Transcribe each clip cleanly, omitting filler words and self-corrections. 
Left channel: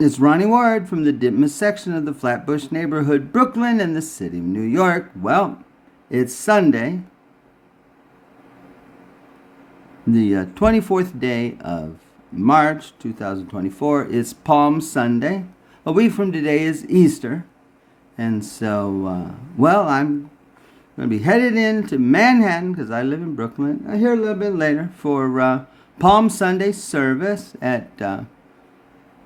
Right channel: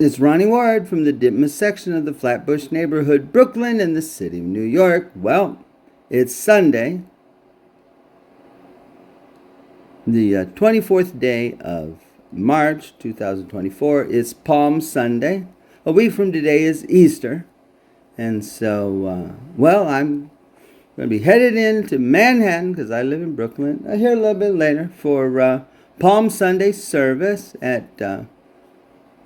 It's Ronnie Ward from the Ditmas section of the Flatbush neighborhood, Brooklyn, in the city of New York. Well, it's Sunday, the 24th day of March 2024. It's Palm Sunday. A week from today is Easter. And so, I'm going to be headed into Manhattan because I live in Brooklyn. I'll hear a little bit later for Palm Sunday service at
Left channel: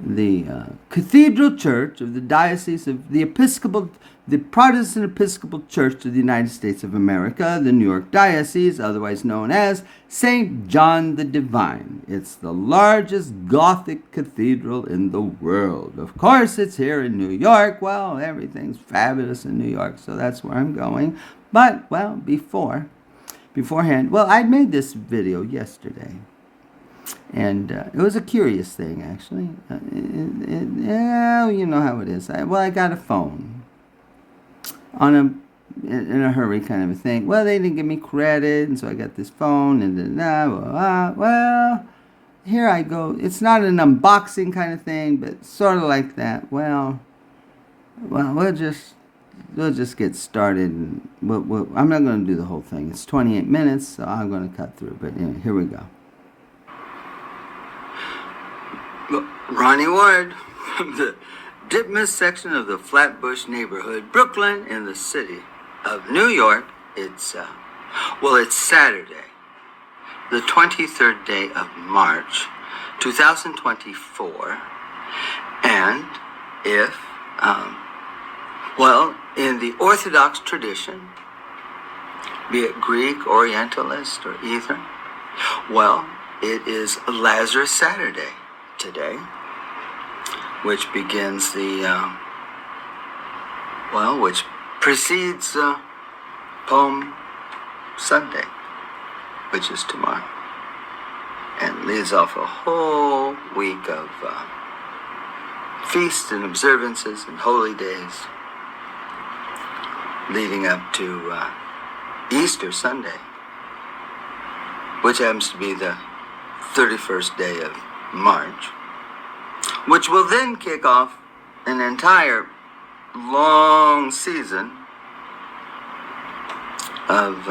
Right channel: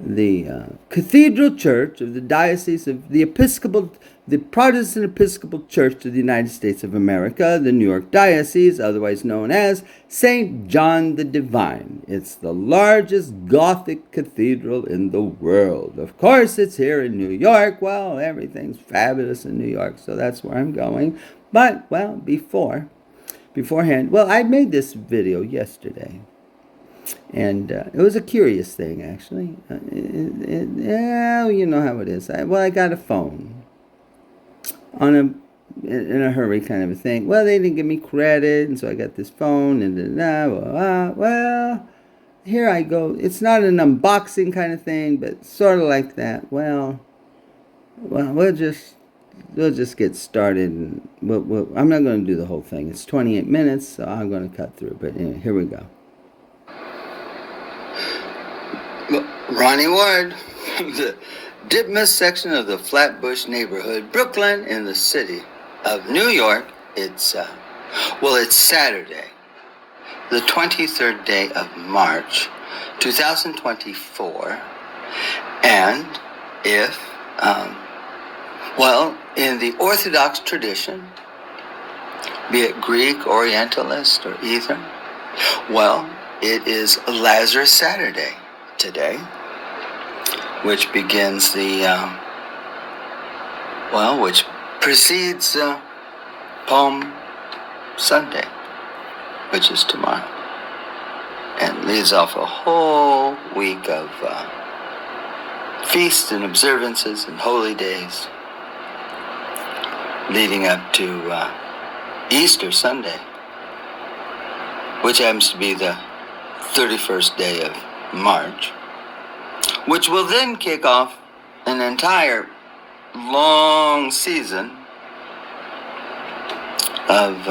the Cathedral Church of the Diocese of the Protestant Episcopal Church of the United States of America, the New York Diocese, otherwise known as St. John the Divine. It's the largest Gothic cathedral in the world. Of course, it's here in New York. Well, everything's fabulous in New York, so that's where I'm going. But, beforehand, I made this video yesterday. And it was a curious thing, actually. You know how it is. I got a phone in a hurry kind of a thing. Well, they didn't give me credit, and so I got this phone, and here I go. It's not an unboxing kind of thing, but sort of like that. We'll just get started. And I'm not going to do the whole thing. It's 28 minutes, so I'm going to cut through. But anyway, here we go. Ronnie Ward from the Ditmas section of the Flatbush neighborhood, Brooklyn, in the city of New York. It's Saturday, the 23rd day of March, 2024. And if, in the Orthodox tradition, be it Greek, Orientalist, or either, it is Lazarus Saturday today, which begins which precedes Palm Sunday, which is tomorrow, and leads off a whole week of feasts and observances and holy days, leading up to Easter Sunday, which happens to be the 31st day of March, which will then kick off an entire long season of,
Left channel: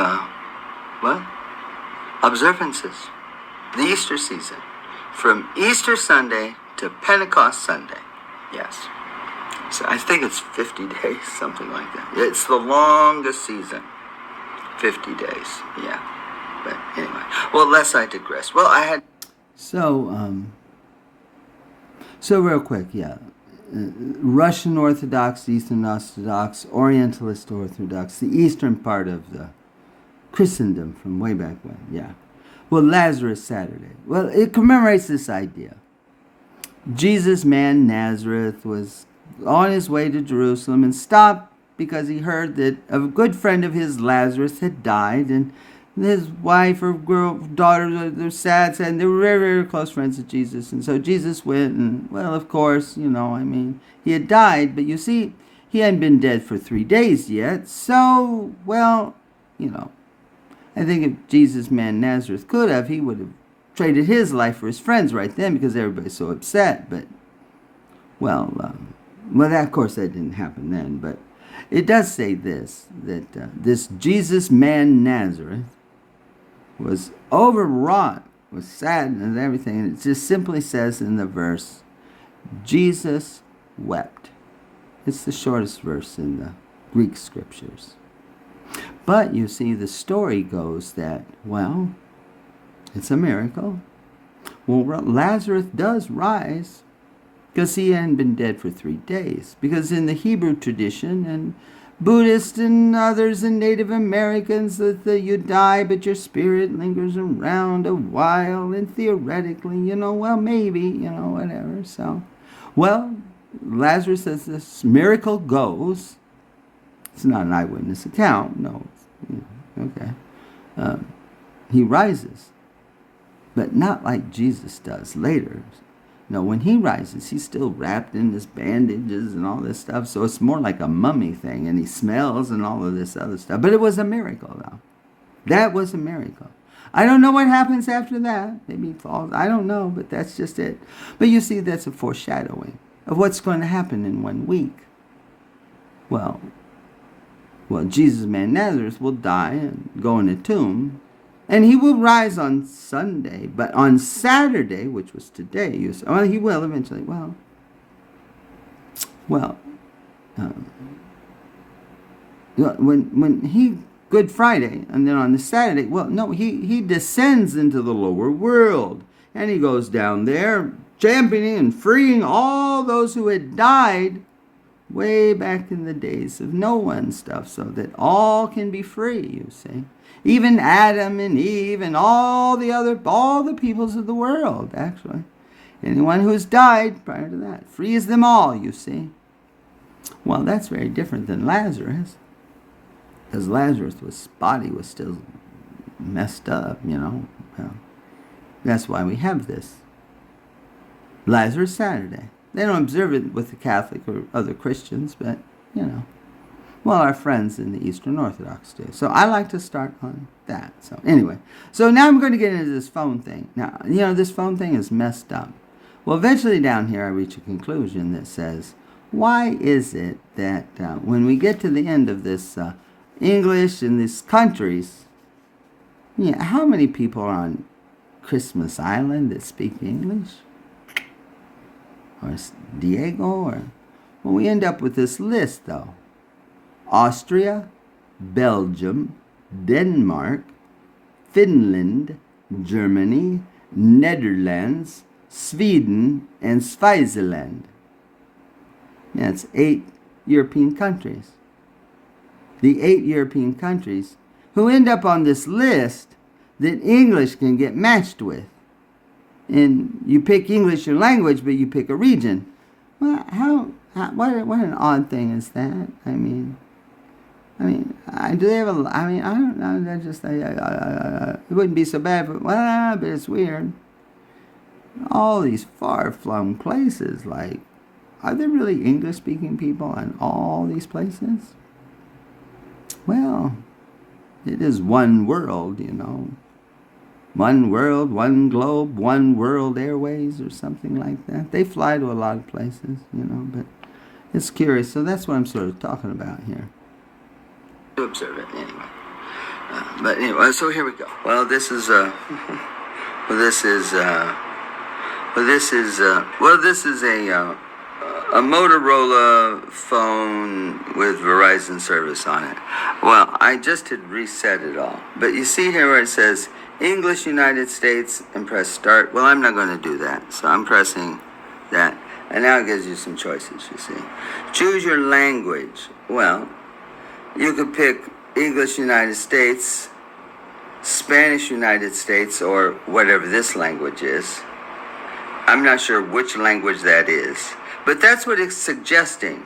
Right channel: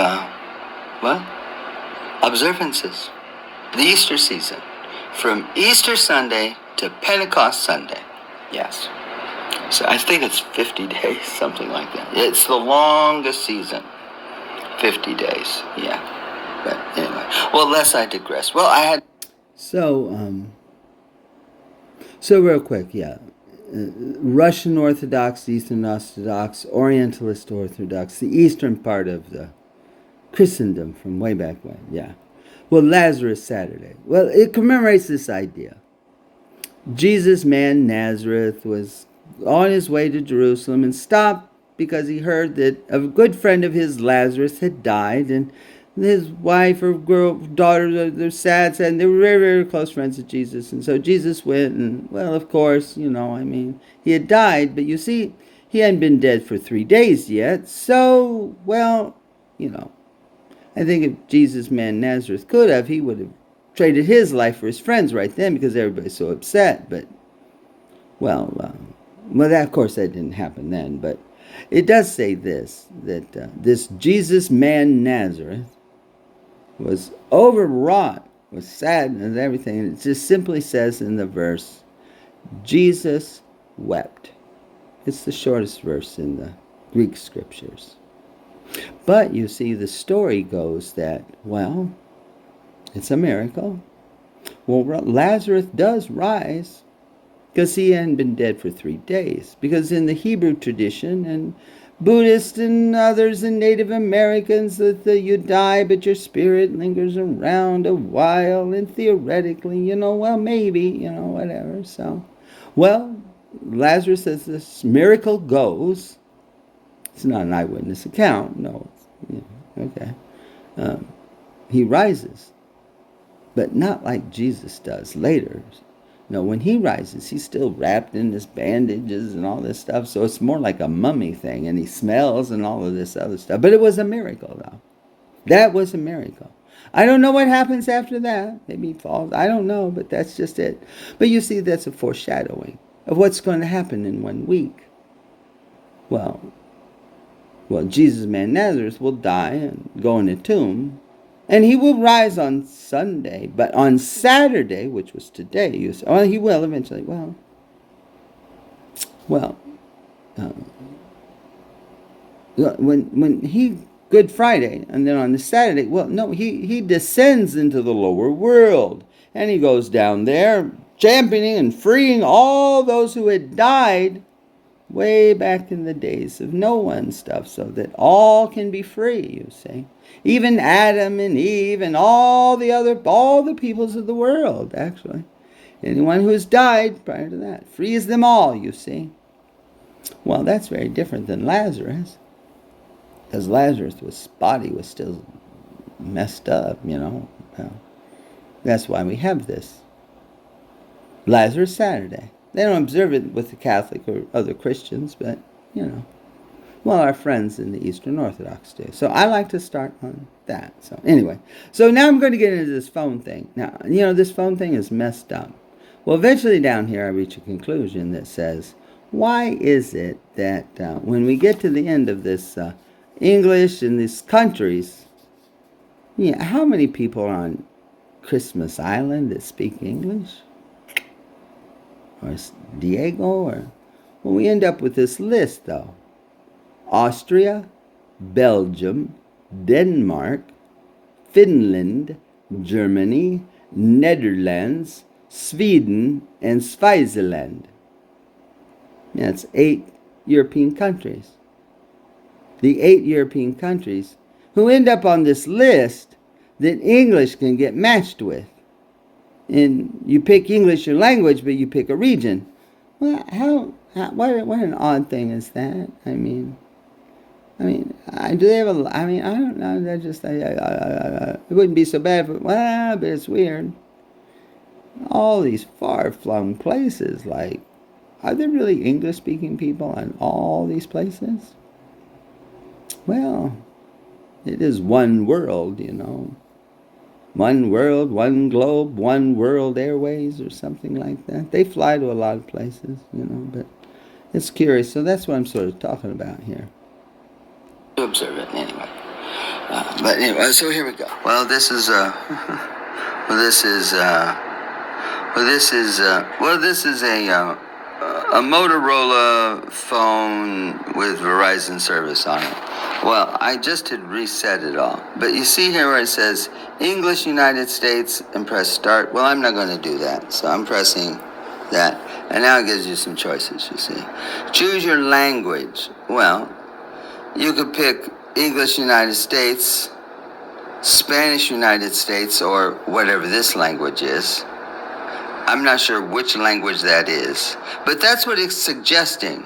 observances. The Easter season, from Easter Sunday to Pentecost Sunday. Yes. So I think it's 50 days, something like that. It's the longest season. 50 days, yeah. But anyway, lest I digress. So real quick, Russian Orthodox, Eastern Orthodox, Orientalist Orthodox, the eastern part of the Christendom from way back when, yeah. Lazarus Saturday. It commemorates this idea. Jesus, man Nazareth, was on his way to Jerusalem and stopped because he heard that a good friend of his, Lazarus, had died, and his wife or daughter, they're sad, and they were very, very close friends of Jesus. And so Jesus went, and, of course, he had died, but you see, he hadn't been dead for 3 days yet. So, I think if Jesus, man Nazareth, could have, he would have traded his life for his friends right then because everybody's so upset. But, of course, that didn't happen then. But it does say this, that this Jesus, man Nazareth, was overwrought with sadness and everything. And it just simply says in the verse, Jesus wept. It's the shortest verse in the Greek scriptures. But you see, the story goes that, it's a miracle. Lazarus does rise because he hadn't been dead for 3 days. Because in the Hebrew tradition, and Buddhists and others and Native Americans, that you die, but your spirit lingers around a while, and theoretically, maybe, whatever. So, Lazarus, as this miracle goes, it's not an eyewitness account, no, okay. He rises, but not like Jesus does later. No, when he rises, he's still wrapped in his bandages and all this stuff. So it's more like a mummy thing, and he smells and all of this other stuff. But it was a miracle, though. That was a miracle. I don't know what happens after that. Maybe he falls. I don't know, but that's just it. But you see, that's a foreshadowing. of what's going to happen in 1 week. Well, Jesus, man Nazareth, will die and go in a tomb, and he will rise on Sunday. But on Saturday, which was today, you say, well, he will eventually. When he Good Friday, and then on the Saturday, he descends into the lower world, and he goes down there, championing and freeing all those who had died way back in the days of Noah and stuff, so that all can be free, you see. Even Adam and Eve and all the peoples of the world, actually. Anyone who's died prior to that, frees them all, you see. Well, that's very different than Lazarus, because Lazarus' body was still messed up, Well, that's why we have this Lazarus Saturday. They don't observe it with the Catholic or other Christians, but, our friends in the Eastern Orthodox do. So I like to start on that. So anyway, now I'm going to get into this phone thing. Now, this phone thing is messed up. Well, eventually down here I reach a conclusion that says, why is it that when we get to the end of this English in these countries, how many people are on Christmas Island that speak English? Or Diego, we end up with this list, though. Austria, Belgium, Denmark, Finland, Germany, Netherlands, Sweden, and Switzerland. That's 8 European countries. The 8 European countries who end up on this list that English can get matched with. And you pick English your language, but you pick a region. Well, what an odd thing is that? Do they have I don't know. That just it wouldn't be so bad, but it's weird. All these far-flung places, are there really English-speaking people in all these places? Well, it is one world, One world, one globe, one world airways, or something like that. They fly to a lot of places, but it's curious. So that's what I'm sort of talking about here. To observe it anyway. But anyway, so here we go. Well, this is a Motorola phone with Verizon service on it. Well, I just had reset it all. But you see here where it says English United States and press start. Well, I'm not going to do that. So I'm pressing that. And now it gives you some choices, you see. Choose your language. Well, you could pick English United States, Spanish United States, or whatever this language is. I'm not sure which language that is. But that's what it's suggesting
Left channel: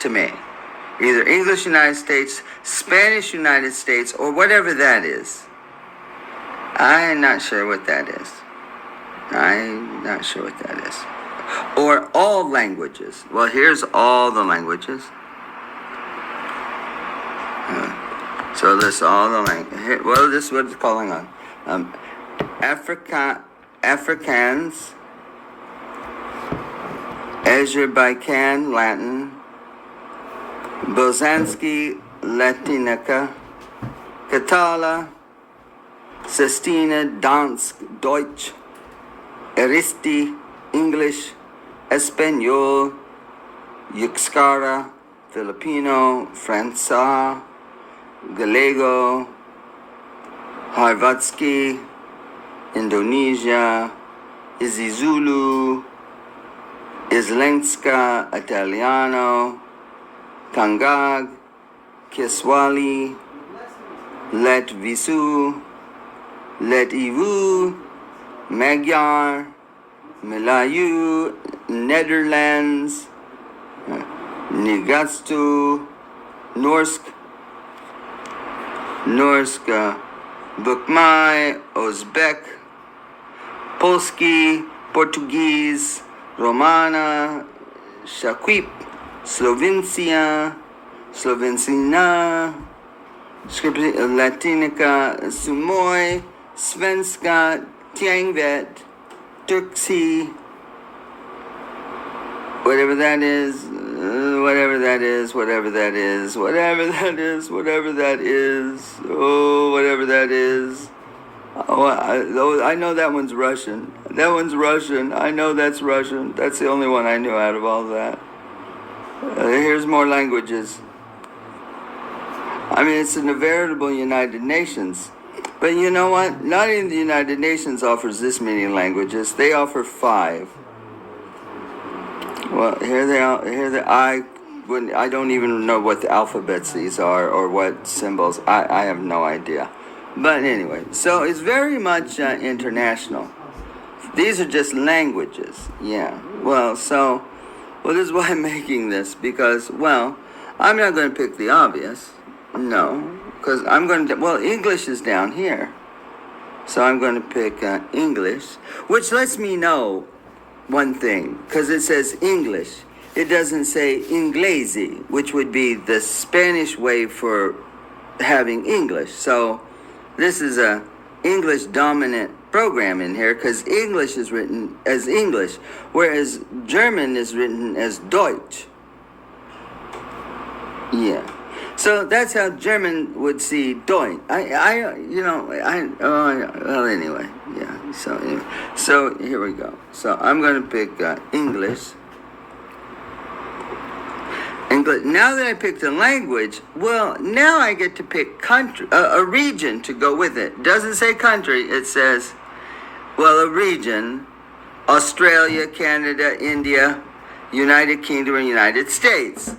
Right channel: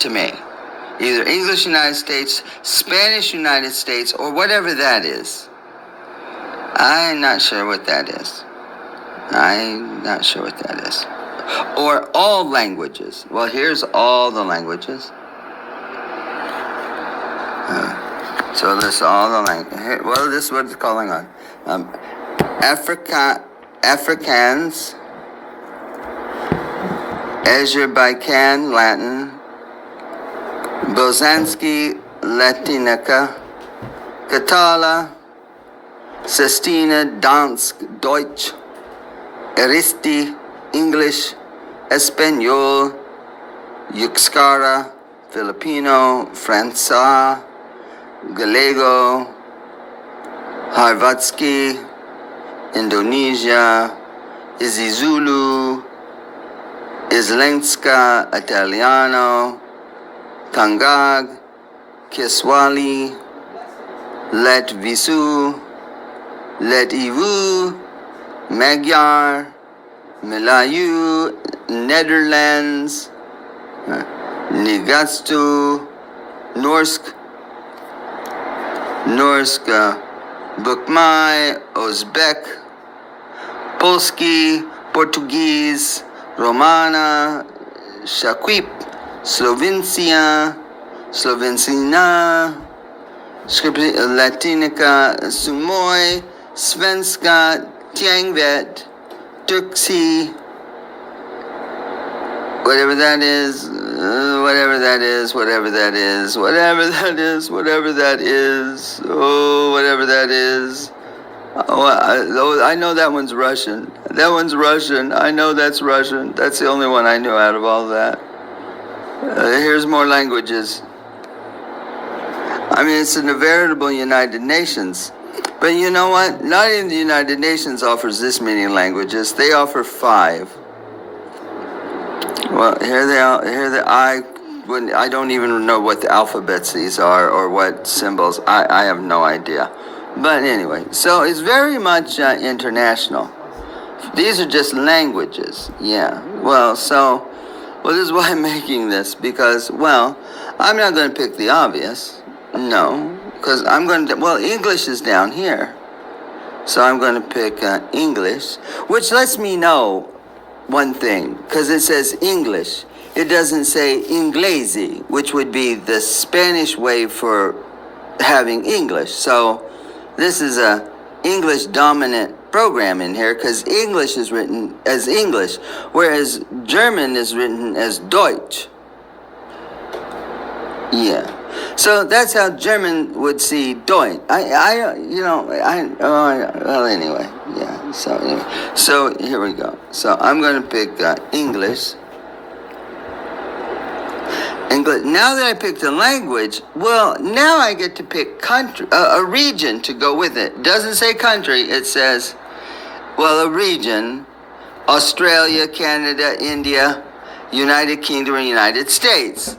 to me. Either English United States, Spanish United States, or whatever that is. I'm not sure what that is. Or all languages. Well, here's all the languages. So this all the languages. Well, this is what it's calling on. Afrikaans, Azerbaijan, Latin, Bosanski, Latinica, Catala, Sestina, Dansk, Deutsch, Aristi, English, Espanol, Euskara, Filipino, Franca, Gallego, Harvatski, Indonesia, Isizulu, Islenska, Italiano, Kangag, Kiswahili, Latvisu, Lativu, Magyar, Malayu, Netherlands, Nigatsu, Norsk, Bukmai, Uzbek, Polski, Portuguese, Romana, Shakwip, Slovencia, Latinica, Sumoy, Svenska, Tiangvet, Turksi, whatever that is, whatever that is, whatever that is, whatever that is, whatever that is, oh, whatever that is. Oh, I know that one's Russian. That one's Russian. I know that's Russian. That's the only one I knew out of all that. Here's more languages. I mean, it's in the veritable United Nations. But you know what? Not even the United Nations offers this many languages. They offer 5. Well, here they are. I don't even know what the alphabets these are or what symbols. I have no idea. But anyway, so it's very much international. These are just languages. Yeah. Well, this is why I'm making this, because, well, I'm not going to pick the obvious. No. Because English is down here. So I'm going to pick English, which lets me know one thing, because it says English. It doesn't say Inglesi, which would be the Spanish way for having English. So this is a English dominant program in here, because English is written as English, whereas German is written as Deutsch. Yeah. So that's how German would see Deutsch. Anyway, yeah. So here we go. So I'm going to pick English. Now that I picked a language, well, now I get to pick country, a region to go with it. Doesn't say country, it says, well, a region: Australia, Canada, India, United Kingdom, and United States.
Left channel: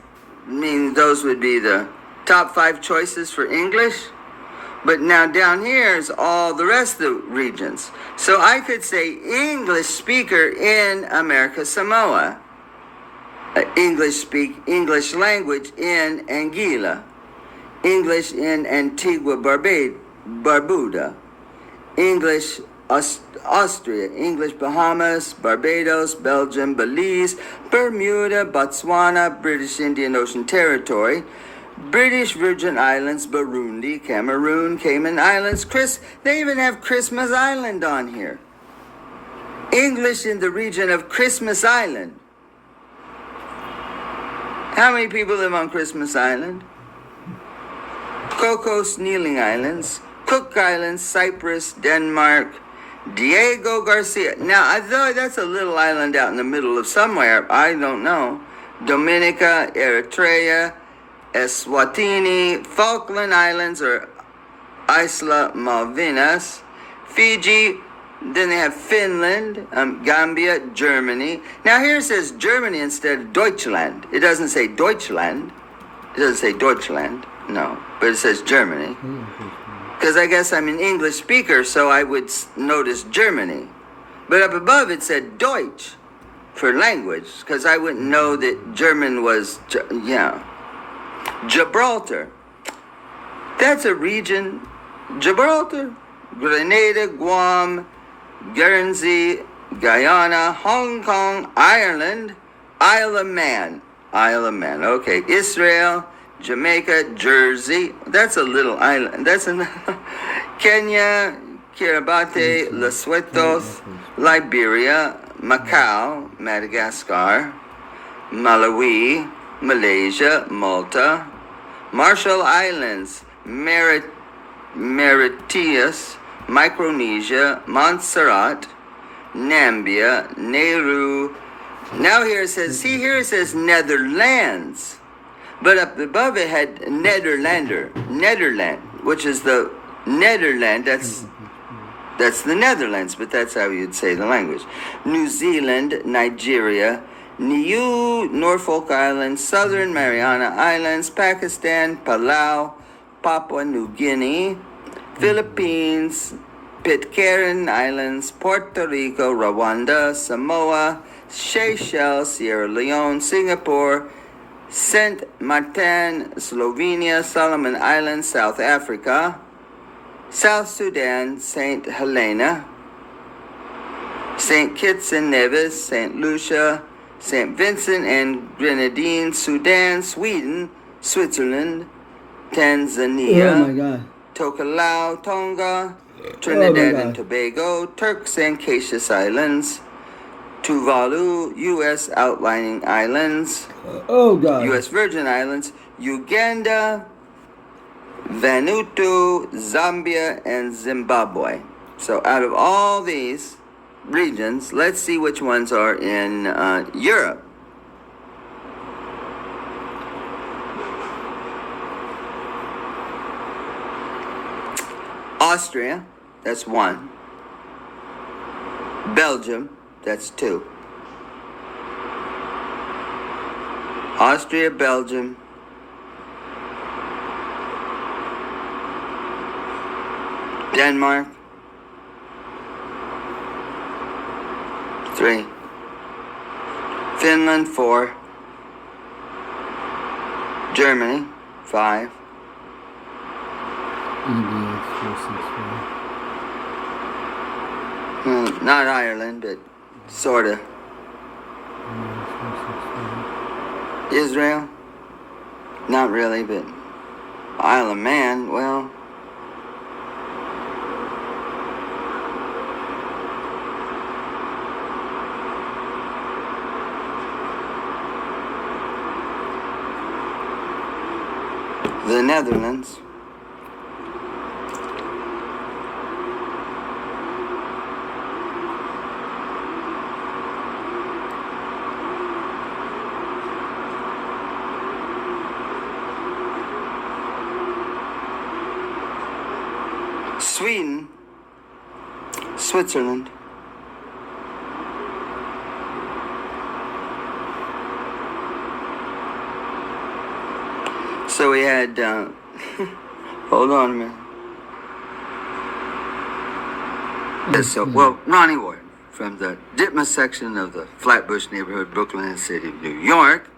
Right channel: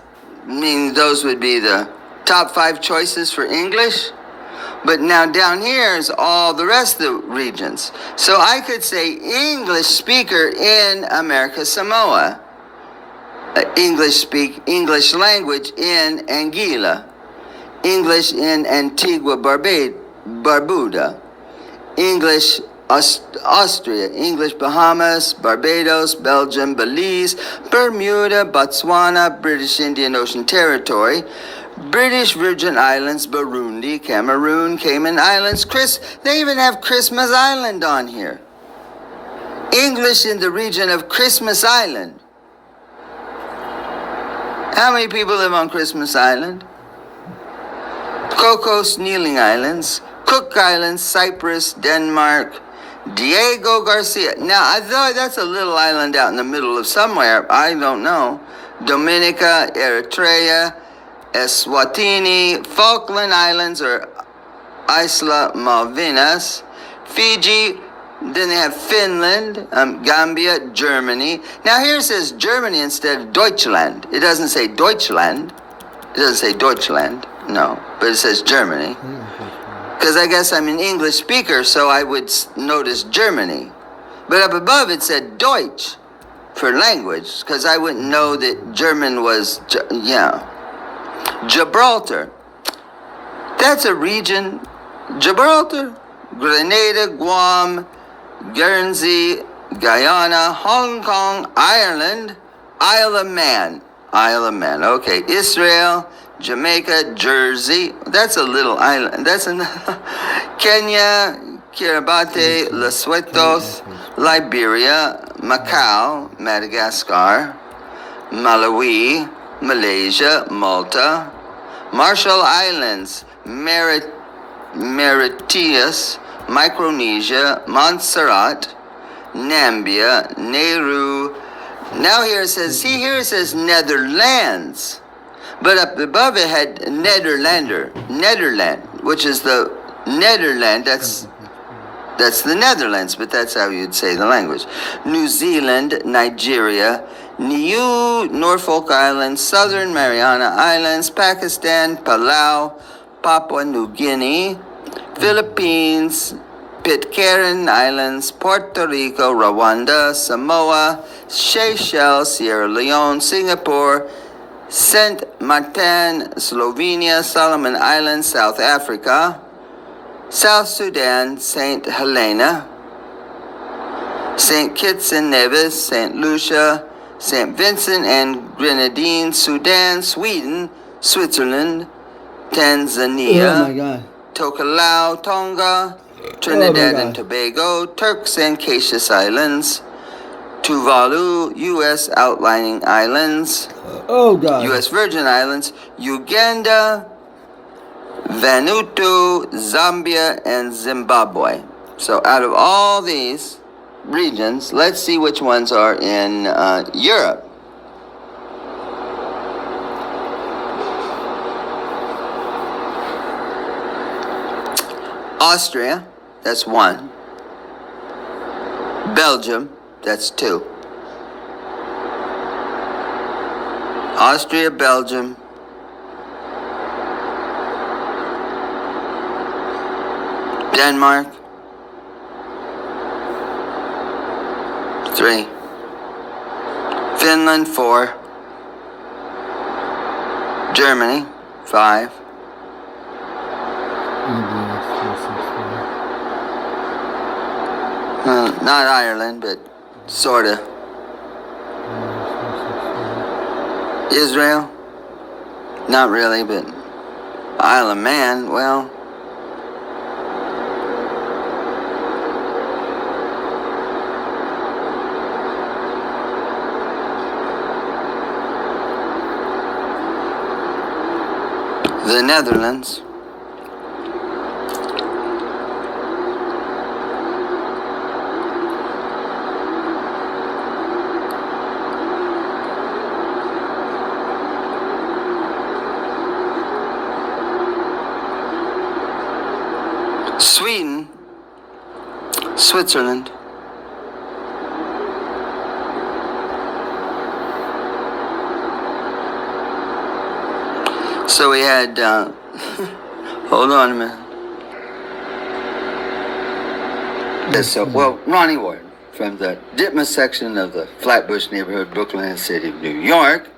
I mean, those would be the top 5 choices for English. But now down here is all the rest of the regions. So I could say English speaker in America Samoa. English language in Anguilla. English in Antigua Barbuda. English Austria, English Bahamas, Barbados, Belgium, Belize, Bermuda, Botswana, British Indian Ocean Territory, British Virgin Islands, Burundi, Cameroon, Cayman Islands, they even have Christmas Island on here. English in the region of Christmas Island. How many people live on Christmas Island? Cocos Kneeling Islands, Cook Islands, Cyprus, Denmark, Diego Garcia. Now, I thought that's a little island out in the middle of somewhere. I don't know. Dominica, Eritrea, Eswatini, Falkland Islands, or Isla Malvinas, Fiji. Then they have Finland, Gambia, Germany. Now here it says Germany instead of Deutschland. It doesn't say Deutschland. It doesn't say Deutschland. No, but it says Germany. Because I guess I'm an English speaker, so I would notice Germany. But up above it said Deutsch for language, because I wouldn't know that German was, Gibraltar. That's a region. Gibraltar, Grenada, Guam, Guernsey, Guyana, Hong Kong, Ireland, Isle of Man. Okay. Israel, Jamaica, Jersey. That's a little island. That's in Kenya, Kiribati, Lesotho, Liberia, Macau, Madagascar, Malawi, Malaysia, Malta, Marshall Islands, Mauritius, Micronesia, Montserrat, Nambia, Nauru. Now here it says Netherlands. But up above it had Nederland, which is the Netherland. That's the Netherlands, but that's how you'd say the language. New Zealand, Nigeria, Niue, Norfolk Islands, Southern Mariana Islands, Pakistan, Palau, Papua New Guinea, Philippines, Pitcairn Islands, Puerto Rico, Rwanda, Samoa, Seychelles, Sierra Leone, Singapore, Saint Martin, Slovenia, Solomon Islands, South Africa, South Sudan, St. Helena, St. Kitts and Nevis, St. Lucia, St. Vincent and Grenadines, Sudan, Sweden, Switzerland, Tanzania, Tokelau, Tonga, Trinidad and Tobago, Turks and Caicos Islands, Tuvalu, U.S. outlying islands, Oh God. U.S. Virgin Islands, Uganda, Vanuatu, Zambia, and Zimbabwe. So out of all these regions, let's see which ones are in Europe. Austria, that's 1. Belgium, that's 2. Austria, Belgium, Denmark, 3. Finland, 4. Germany, 5. Well, not Ireland, but sorta. Israel, not really, but Isle of Man, well. The Netherlands. Sweden, Switzerland, so we had, hold on a minute. Yes, so, well, Ronnie Ward from the Ditmas section of the Flatbush neighborhood, Brooklyn, City of New York,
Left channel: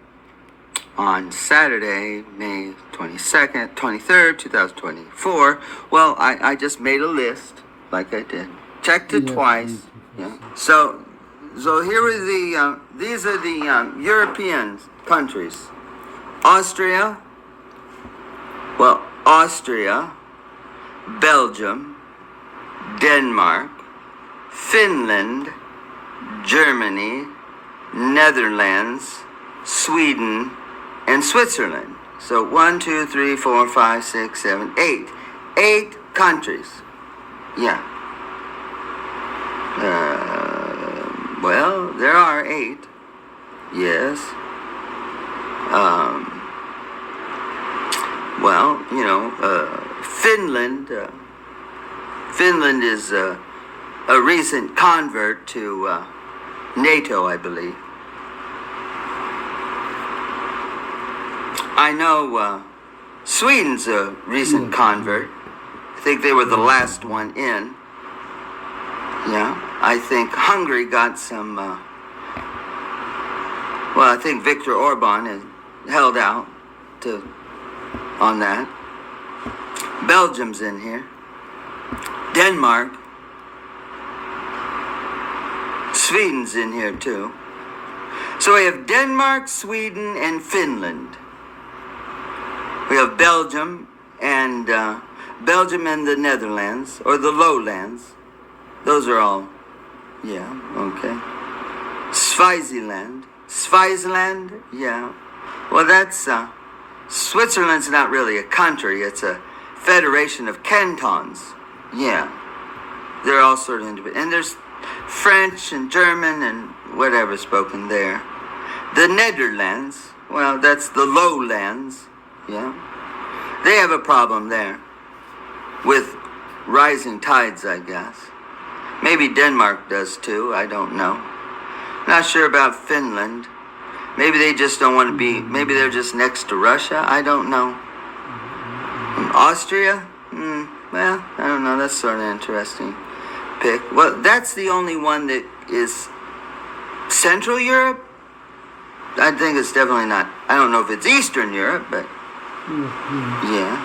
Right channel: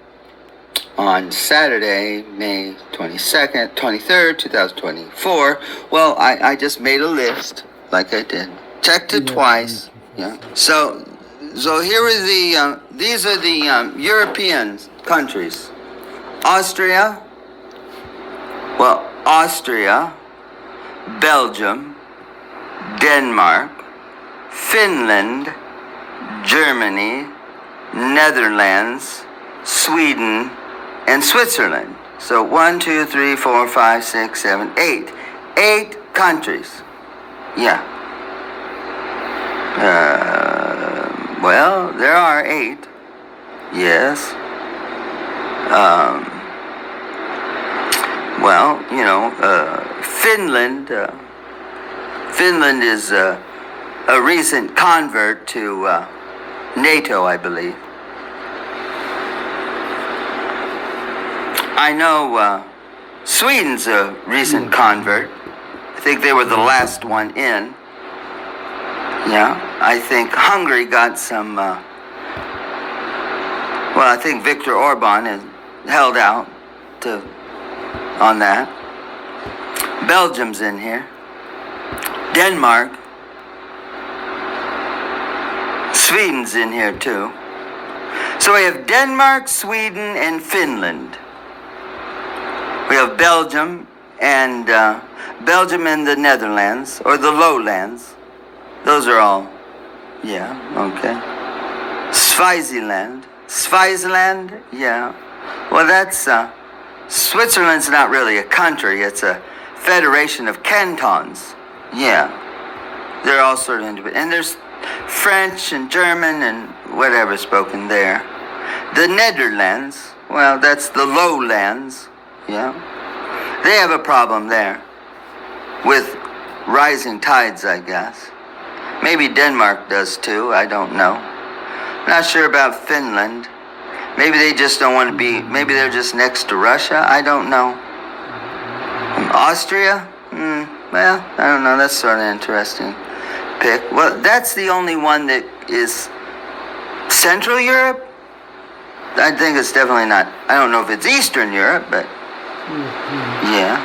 on Saturday, May 22nd, 23rd, 2024. Well, I just made a list, like I did. Checked it twice. Yeah. So here are the, these are the European countries. Austria, Belgium, Denmark, Finland, Germany, Netherlands, Sweden, and Switzerland. So 1, 2, 3, 4, 5, 6, 7, 8. 8 countries. Yeah. Well, there are 8. Yes. Well, you know, Finland. Finland is a recent convert to NATO, I believe. I know Sweden's a recent convert. I think they were the last one in. Yeah, I think Hungary got some, well, I think Viktor Orban has held out on that. Belgium's in here. Denmark. Sweden's in here too. So we have Denmark, Sweden, and Finland. We have Belgium and the Netherlands, or the lowlands. Those are all, yeah, okay. Swaziland, yeah. Well, that's, Switzerland's not really a country, it's a federation of cantons. Yeah, they're all sort of independent. And there's French and German and whatever spoken there. The Netherlands, well, that's the lowlands. Yeah, they have a problem there with rising tides, I guess. Maybe Denmark does too, I don't know. Not sure about Finland. Maybe they just don't want to be, maybe they're just next to Russia, I don't know. Austria? Well, I don't know, that's sort of interesting pick. Well, that's the only one that is Central Europe. I think it's definitely not, I don't know if it's Eastern Europe, but yeah.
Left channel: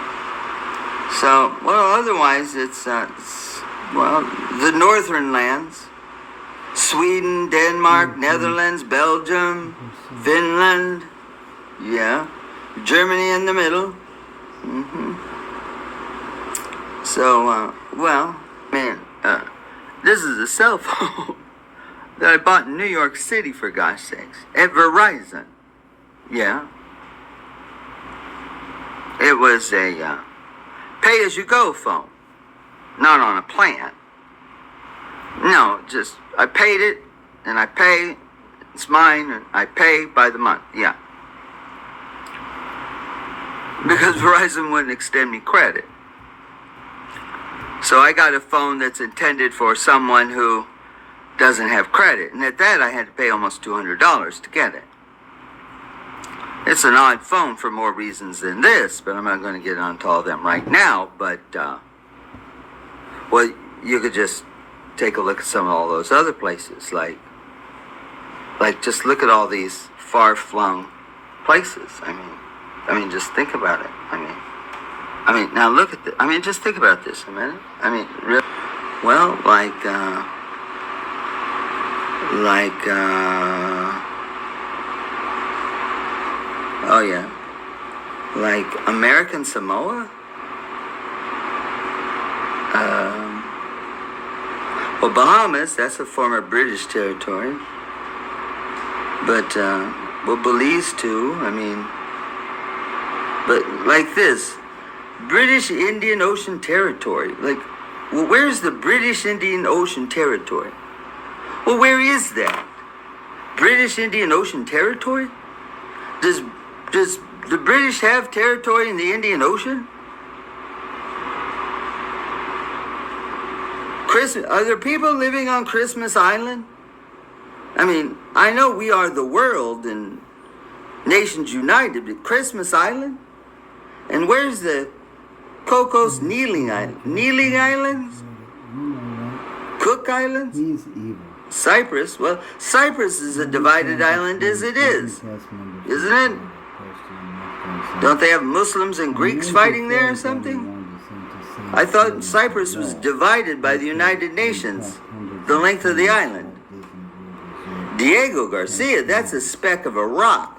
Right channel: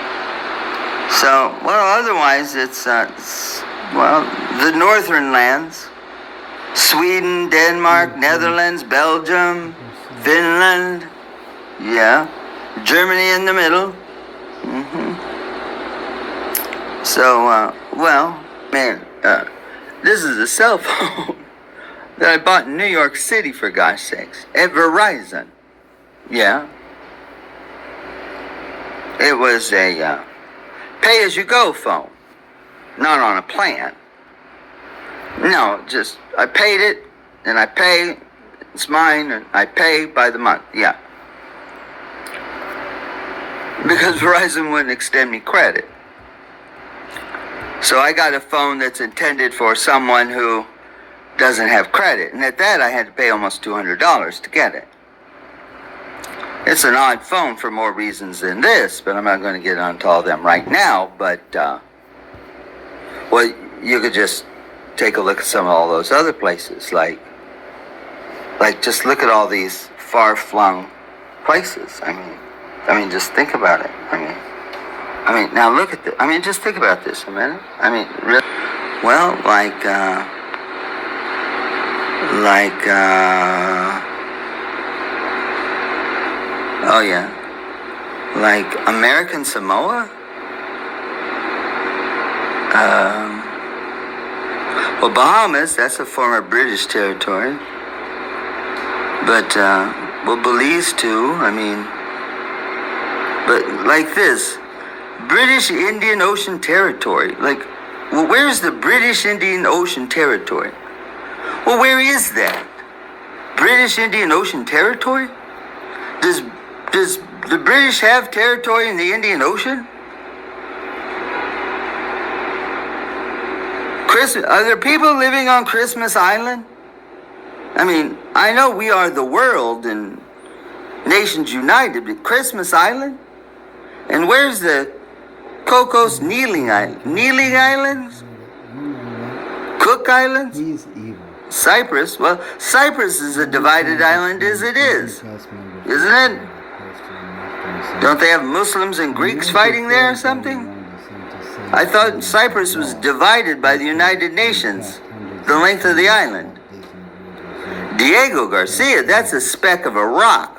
So, well, otherwise it's well, the northern lands. Sweden, Denmark, Netherlands, Belgium, Finland. Yeah. Germany in the middle. So, well, man, this is a cell phone. that I bought in New York City, for gosh sakes, at Verizon. Yeah. It was a pay-as-you-go phone, not on a plan. No, just, I paid it, and I pay, it's mine, and I pay by the month, yeah. Because Verizon wouldn't extend me credit. So I got a phone that's intended for someone who doesn't have credit. And at that, I had to pay almost $200 to get it. It's an odd phone for more reasons than this, but I'm not going to get onto all of them right now. But, well, you could just take a look at some of all those other places. Like just look at all these far-flung places. I mean, just think about it. I mean, now look at this. I mean, just think about this a minute. I mean, really, well, oh yeah, like American Samoa. Well, Bahamas, that's a former British territory. But, well, Belize too. I mean, but like this, British Indian Ocean Territory. Like, well, where's the British Indian Ocean Territory? Well, where is that? British Indian Ocean Territory? Does the British have territory in the Indian Ocean? Are there people living on Christmas Island? I mean, I know we are the world and Nations United, but Christmas Island? And where's the Cocos Kneeling Island? Kneeling Islands? Cook Islands? He's evil. Cyprus? Well, Cyprus is a divided island as it is, isn't it? Don't they have Muslims and Greeks fighting there or something? I thought Cyprus was divided by the United Nations, the length of the island. Diego Garcia, that's a speck of a rock.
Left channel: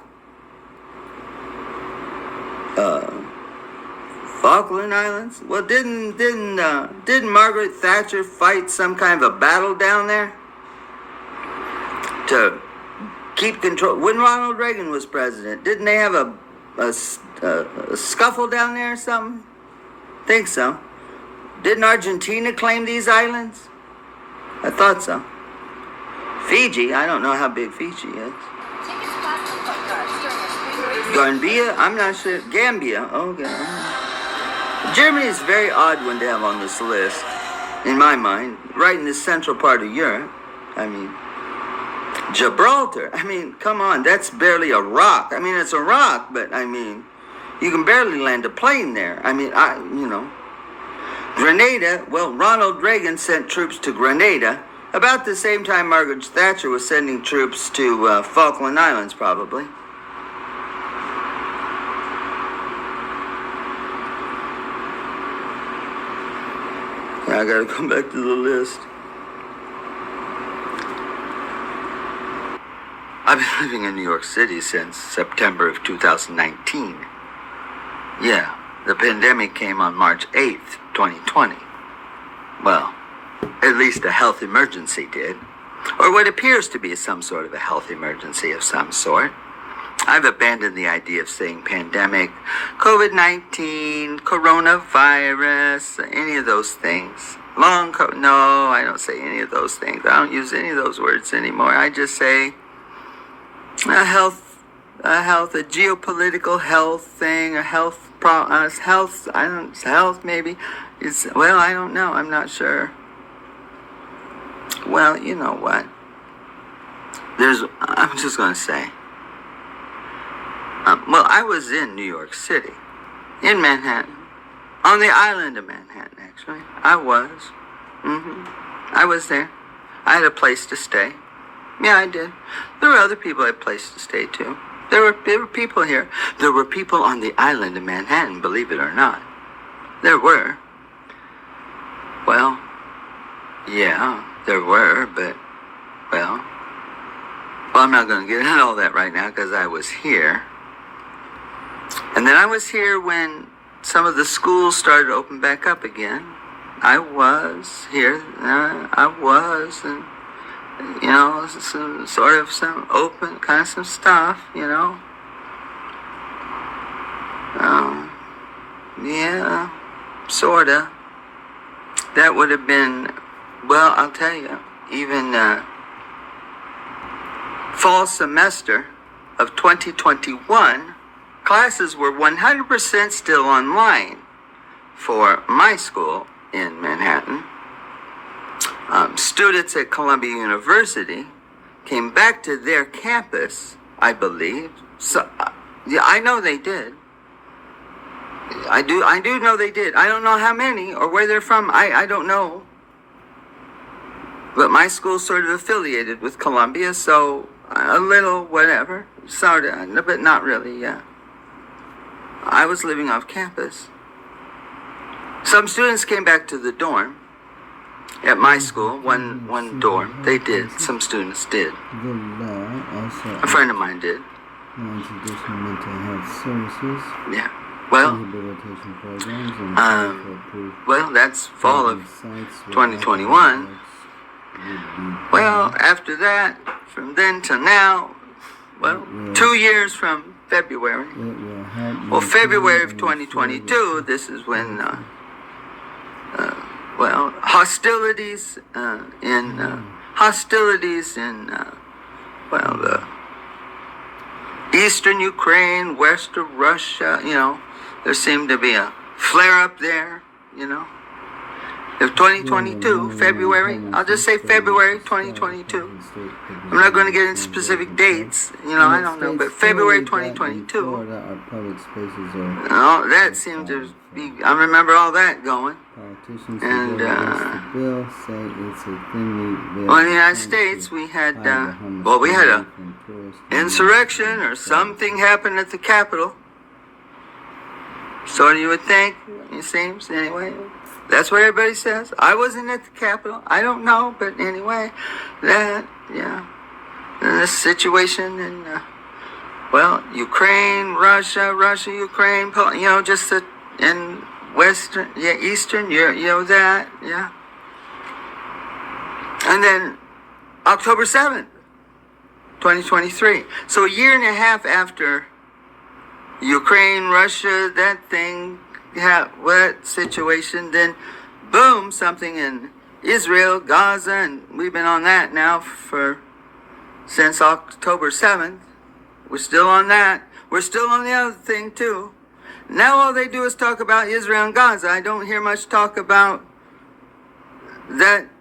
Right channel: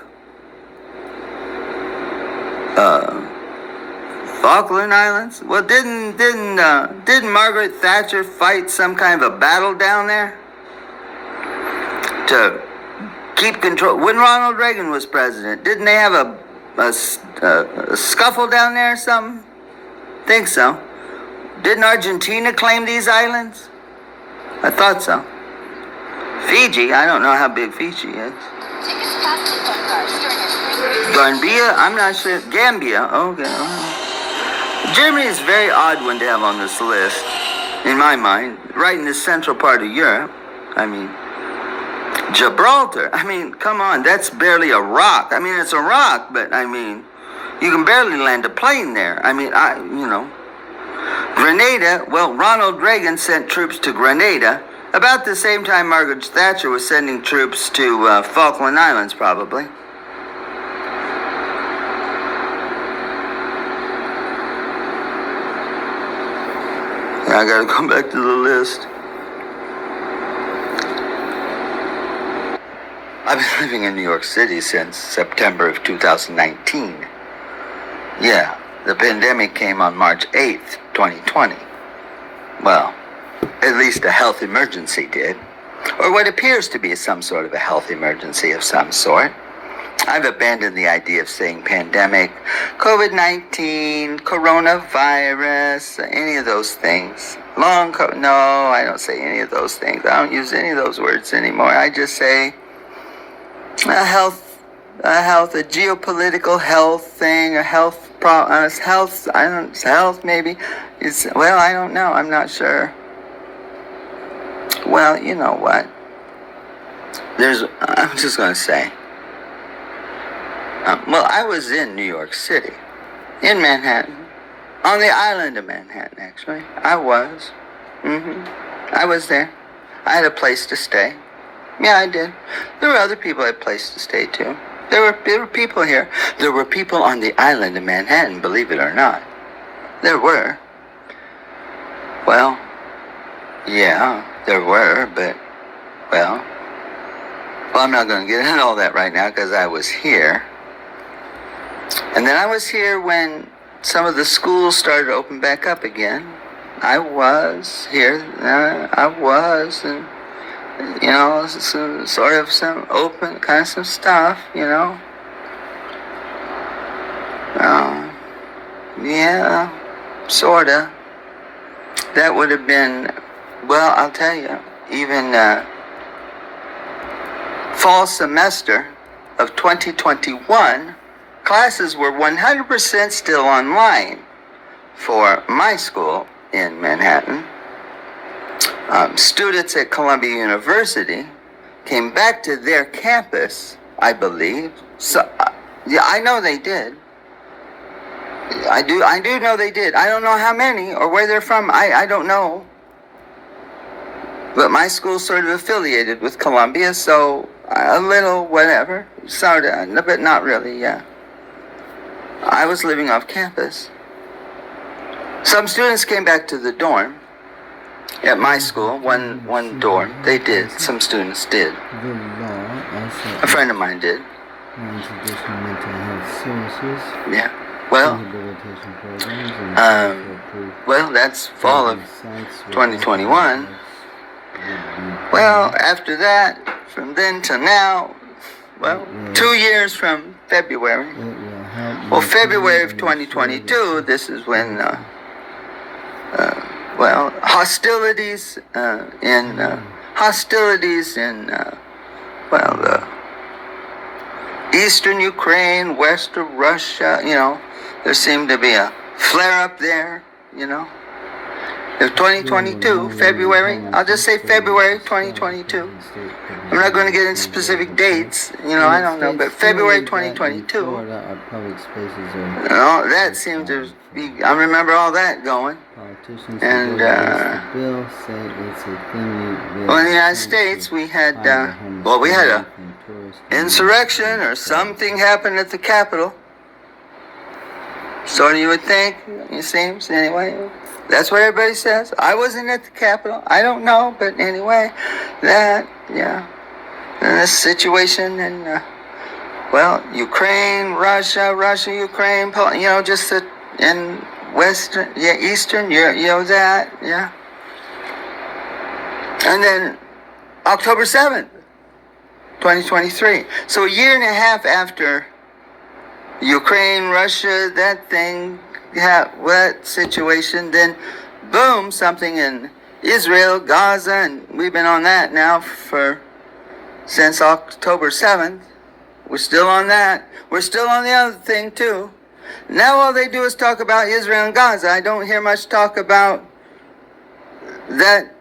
Falkland Islands? Well, didn't Margaret Thatcher fight some kind of a battle down there to keep control? When Ronald Reagan was president, didn't they have a scuffle down there or something? Think so. Didn't Argentina claim these islands? I thought so. Fiji, I don't know how big Fiji is. Gambia, I'm not sure. Gambia, okay. Germany is a very odd one to have on this list, in my mind. Right in the central part of Europe. I mean, Gibraltar. I mean, come on, that's barely a rock. I mean, it's a rock, but I mean, you can barely land a plane there. I mean, Grenada, well, Ronald Reagan sent troops to Grenada about the same time Margaret Thatcher was sending troops to Falkland Islands, probably. I gotta come back to the list. I've been living in New York City since September of 2019. Yeah, the pandemic came on March 8th, 2020. Well, at least a health emergency did. Or what appears to be some sort of a health emergency of some sort. I've abandoned the idea of saying pandemic, COVID-19, coronavirus, any of those things. No, I don't say any of those things. I don't use any of those words anymore. I just say a geopolitical health thing, a health maybe. I don't know. I'm not sure. Well, you know what? I'm just going to say. Well, I was in New York City, in Manhattan, on the island of Manhattan, actually. I was. I was there. I had a place to stay. Yeah, I did. There were other people who had a place to stay, too. There were people here. There were people on the island of Manhattan, believe it or not. There were. Well, yeah, there were, but, well, I'm not going to get into all that right now because I was here. And then I was here when some of the schools started to open back up again. I was here. And you know, some sort of some open kind of some stuff, you know. Yeah, sorta. That would have been, well, I'll tell you, even fall semester of 2021, classes were 100% still online for my school in Manhattan. Students at Columbia University came back to their campus, I believe. So, yeah, I know they did. I do know they did. I don't know how many or where they're from. I don't know. But my school's sort of affiliated with Columbia, so a little whatever, sort of, but not really, yeah. I was living off campus. Some students came back to the dorm at my school, one dorm. They did. Some students did. A friend of mine did. Yeah. Well, well, that's fall of 2021. Well, after that, from then to now, well, 2 years from February. Well, February of 2022, this is when, well, hostilities in, well, the eastern Ukraine, west of Russia, you know, there seemed to be a flare-up there, you know. Of 2022, February, I'll just say February 2022. I'm not going to get into specific dates, you know, I don't know, but February 2022, you know, that seemed to be, I remember all that going. And, well, in the United States, we had, well, we had a insurrection or something happened at the Capitol. So you would think, it seems, anyway. That's what everybody says. I wasn't at the Capitol. I don't know, but anyway, that, yeah. And this situation in, well, Ukraine, Russia, Ukraine, you know, just in Western, yeah, Eastern, you know that, yeah. And then October 7th, 2023. So a year and a half after Ukraine, Russia, that thing, that situation, then boom, something in Israel, Gaza, and we've been on that now since October 7th. We're still on that. We're still on the other thing too. Now all they do is talk about Israel and Gaza. I don't hear much talk about that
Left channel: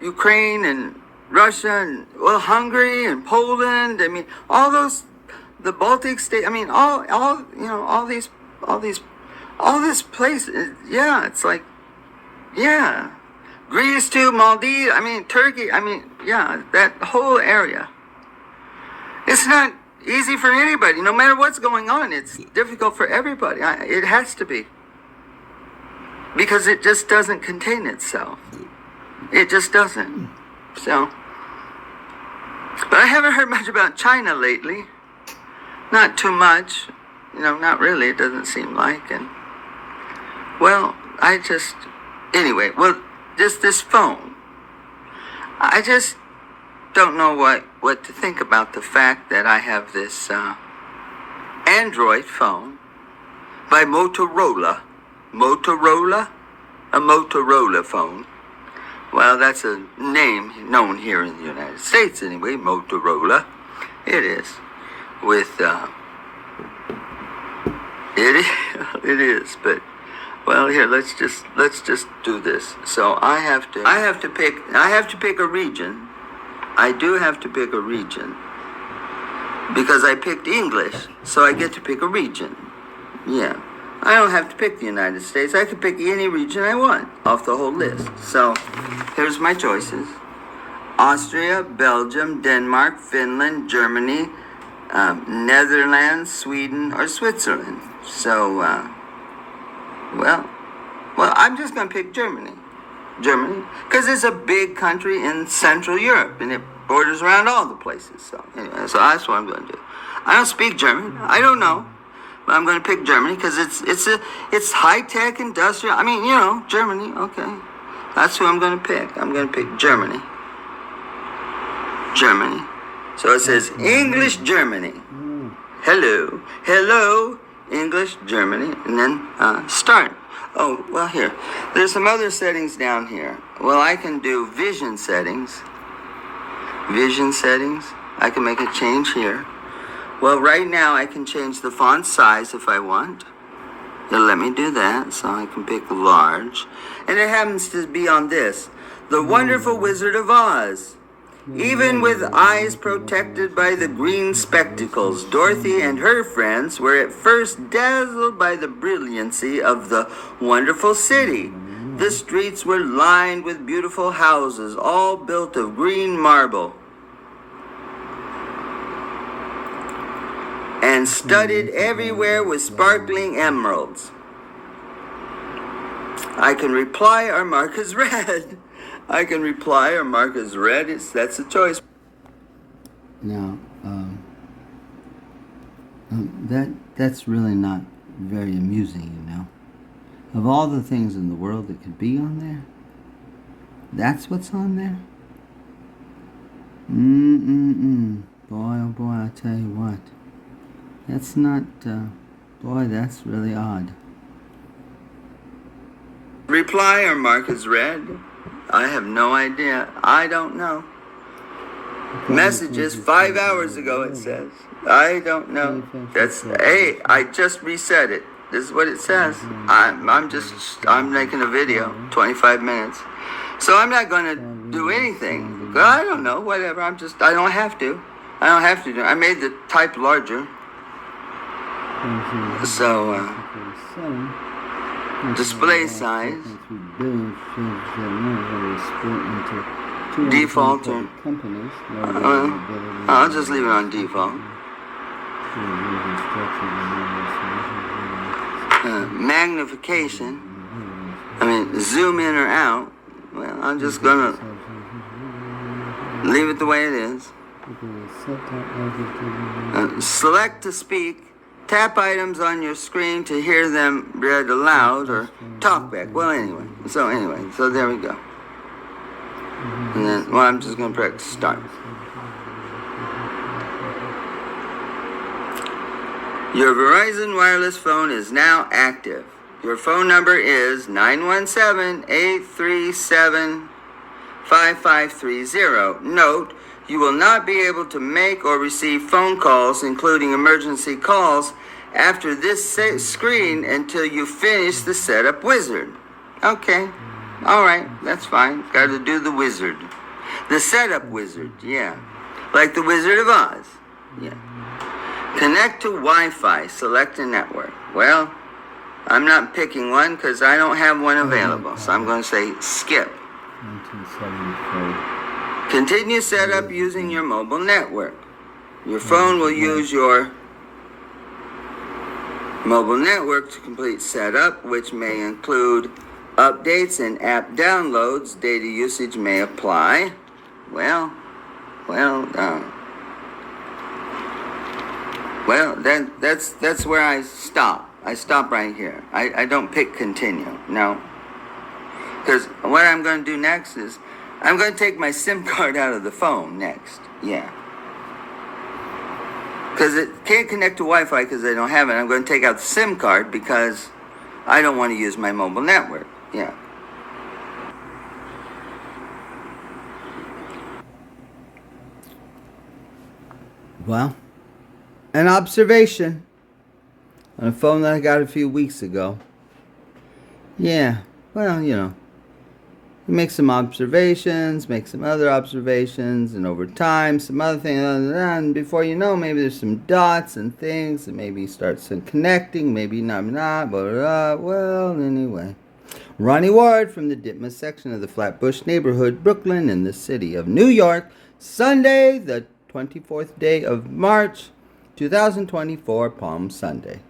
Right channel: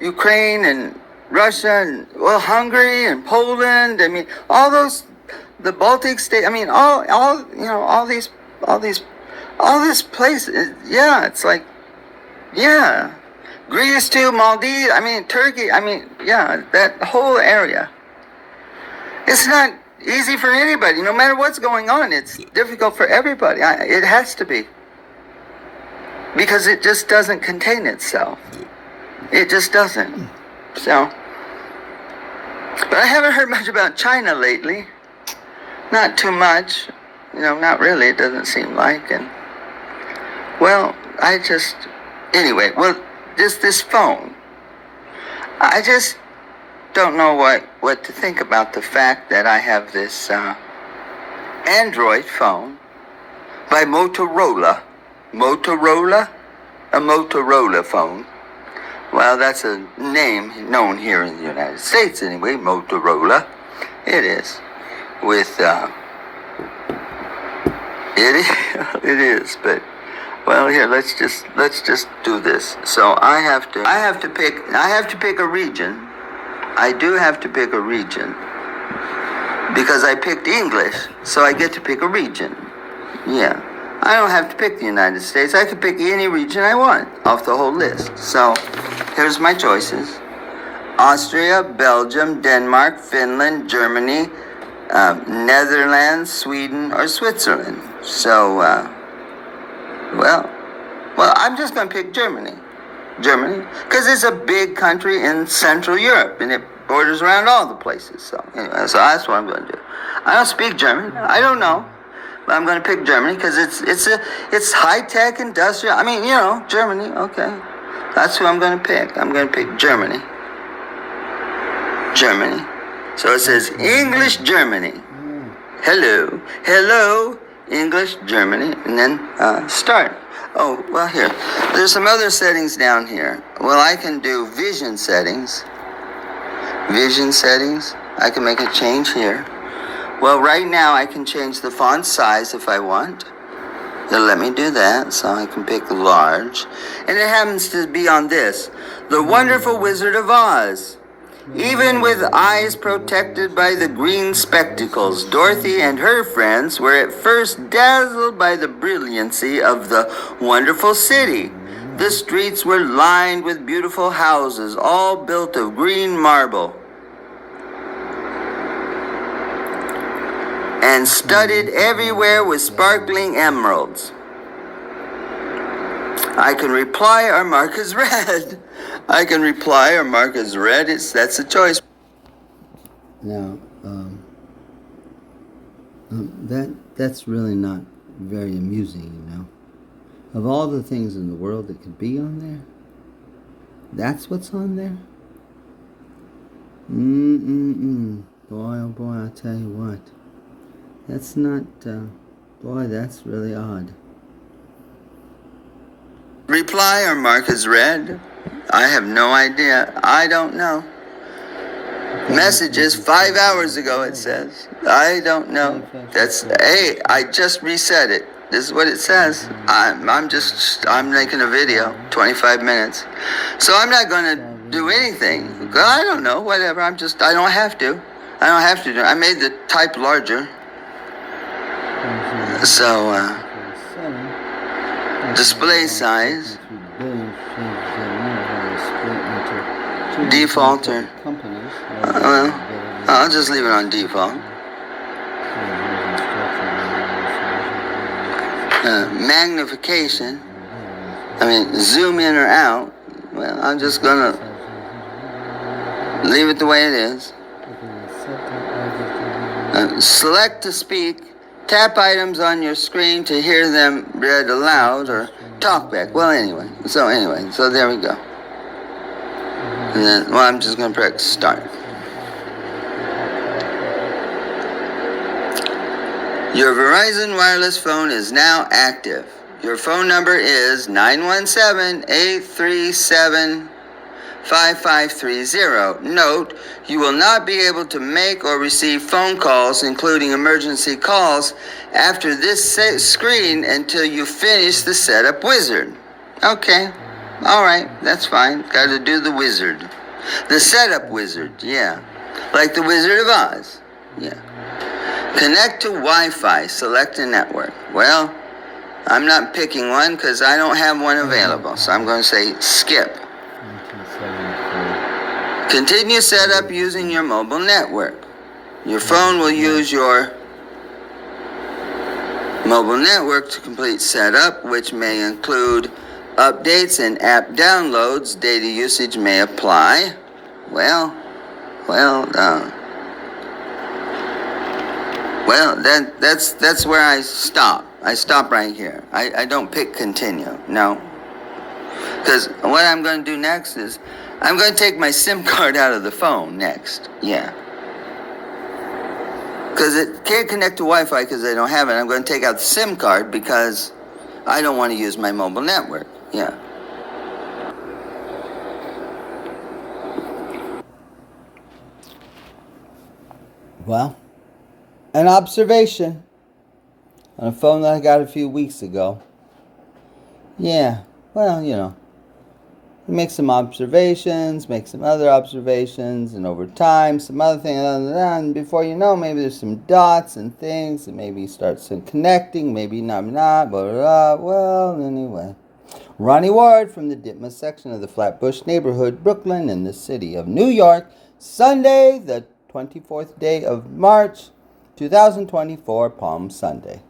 Ukraine and Russia and, well, Hungary and Poland. I mean, all those, the Baltic states, I mean, all, you know, all this places, yeah, it's like, yeah, Greece too, Maldives, I mean, Turkey, I mean, yeah, that whole area. It's not easy for anybody, no matter what's going on, it's difficult for everybody. It has to be. Because it just doesn't contain itself. It just doesn't. So, but I haven't heard much about China lately. Not too much. You know, not really, it doesn't seem like. And, well, anyway, well, just this phone. I just don't know what to think about the fact that I have this Android phone by Motorola. A Motorola phone. Well, that's a name known here in the United States anyway, Motorola. It is. With, it is, but, well, here, let's just do this. So I have to pick a region. I do have to pick a region. Because I picked English, so I get to pick a region. Yeah. I don't have to pick the United States. I can pick any region I want off the whole list. So, here's my choices. Austria, Belgium, Denmark, Finland, Germany, Netherlands, Sweden, or Switzerland. So, well, I'm just going to pick Germany. Because it's a big country in Central Europe, and it borders around all the places. So, anyway, so that's what I'm going to do. I don't speak German. I don't know. But I'm going to pick Germany because it's high-tech, industrial. I mean, you know, Germany, okay. That's who I'm going to pick. I'm going to pick Germany. Germany. So it says English Germany. Hello, hello, English Germany, and then start. Oh, well, here. There's some other settings down here. Well, I can do vision settings. Vision settings. I can make a change here. Well, right now I can change the font size if I want. It'll let me do that, so I can pick large. And it happens to be on this, The Wonderful Wizard of Oz. Even with eyes protected by the green spectacles, Dorothy and her friends were at first dazzled by the brilliancy of the wonderful city. The streets were lined with beautiful houses, all built of green marble, and studded everywhere with sparkling emeralds. I can reply or mark as read. I can reply or mark as read. That's a choice. Now, that's really not very amusing, you know. Of all the things in the world that could be on there, that's what's on there. Boy, oh boy, I'll tell you what. That's not, boy, that's really odd. Reply or mark as read. I have no idea. I don't know. Messages 5 hours ago, it says. I don't know. That's, hey, I just reset it. This is what it says. I'm making a video, 25 minutes. So I'm not going to do anything. I don't know, whatever. I don't have to. I made the type larger. So, display size, default, or, I'll just leave it on default. Magnification, zoom in or out. Well, I'm just gonna leave it the way it is. Select to speak. Tap items on your screen to hear them read aloud or talk back. Well, anyway, so there we go. And then, I'm just going to press start. Your Verizon wireless phone is now active. Your phone number is 917-837-5530. Note, you will not be able to make or receive phone calls, including emergency calls, after this screen until you finish the setup wizard. Okay, all right, that's fine. Got to do the wizard. The setup wizard, yeah. Like the Wizard of Oz, yeah. Connect to Wi-Fi, select a network. Well, I'm not picking one because I don't have one available, so I'm going to say skip. Continue setup using your mobile network. Your phone will use your mobile network to complete setup, which may include updates and app downloads. Data usage may apply. That's where I stop. I stop right here. I don't pick continue. No. Because what I'm going to do next is I'm going to take my SIM card out of the phone next. Yeah. Because it can't connect to Wi-Fi because I don't have it. I'm going to take out the SIM card because I don't want to use my mobile network. Yeah. Well, an observation on a phone that I got a few weeks ago. Yeah, well, you know. Make some observations, make some other observations, and over time, some other things, and before you know, maybe there's some dots and things, and maybe start some connecting, maybe not, blah, blah, blah. Well, anyway. Ronnie Ward from the Ditma section of the Flatbush neighborhood, Brooklyn, in the city of New York, Sunday, the 24th day of March, 2024, Palm Sunday.